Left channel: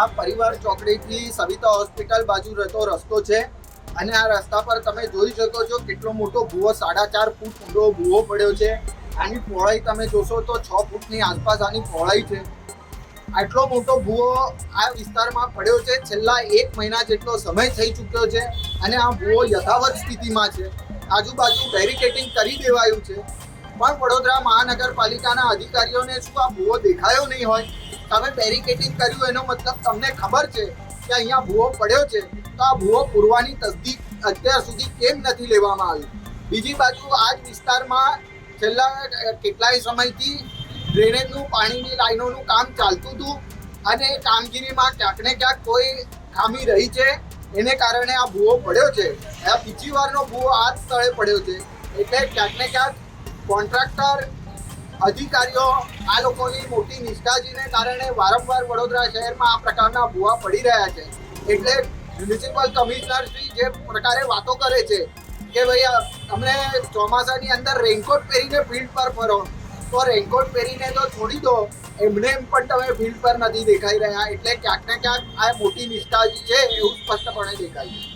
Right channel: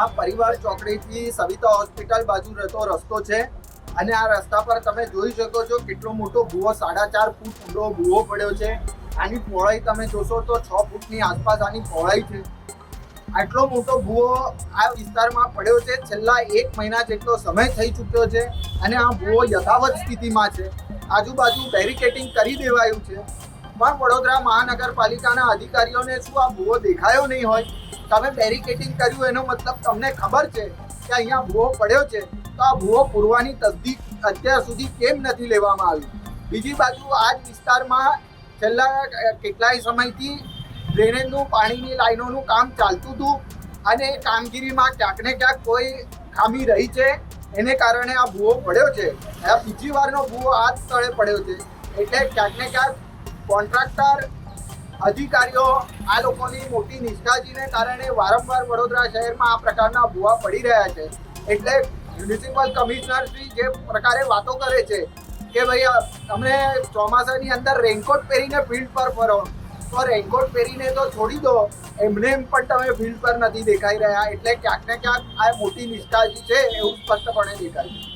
આ પરિવાર ચોકડીથી સવિતા હોસ્પિટલ બાજુ રહેતો રસ્તો છે અને આ રસ્તા પર તમે જોઈ શકો છો કેટલો મોટો ભૂવો 4.5 ફૂટ ઊંડો ભૂવો પડ્યો છે. આની પહોળાઈ તમે જોશો તો 6 ફૂટની આસપાસ આની પહોળાઈ છે. આટલો મોટો ભૂવો આ વિસ્તારમાં પડ્યો છે. છેલ્લા 1 મહિના જેટલો સમય થઈ ચૂક્યો છે અને આ ભૂવો યથાવત સ્થિતિમાં છે. આજુબાજુ બેરિકેડિંગ કરી દેવાયું છે, પણ વડોદરા મહાનગરપાલિકાના અધિકારીઓને શું આ ભૂવો દેખાયો નહીં હોય? તમે બેરિકેડિંગ કર્યું એનો મતલબ તમને ખબર છે કે અહીંયા ભૂવો પડ્યો છે, તો આ ભૂવો પૂરવાની તસદીક અત્યાર સુધી કેમ નથી લેવામાં આવી? બીજી બાજુ આ જ વિસ્તારમાં છેલ્લા કેટલાય સમયથી ડ્રેનેજનું પાણીની લાઈનોનું કામ ચાલતું હતું અને એ કામગીરીમાં ક્યાંક ને ક્યાંક કોઈ ખામી રહી છે, એને કારણે આ ભૂવો પડ્યો છે. આ બીજી વારનો ભૂવો આ જ સ્થળે પડ્યો છે. એટલે ક્યાંક ને ક્યાંક કોન્ટ્રાક્ટર અધિકારીઓ આ લોકોની મોટી નિષ્ઠાજીને કારણે વારંવાર વડોદરા શહેરમાં આ પ્રકારના ભૂવા પડી રહ્યા છે. એટલે મ્યુનિસિપલ કમિશનર શ્રી જે પ્રકારે વાતો કરે છે કે ભાઈ અમને ચોમાસાની અંદર રેઇનકોટ પહેરીને ફિલ્ડ પર ફરો, તો રેઇનકોટ પહેરીને તો છોડી દો, એમને એમ પણ તમે ફિલ્ડ પર નથી દેખાઈ રહ્યા. એટલે ક્યાંક ને ક્યાંક આ મોટી નિષ્ઠાજી છે એવું સ્પષ્ટપણે દેખાય છે.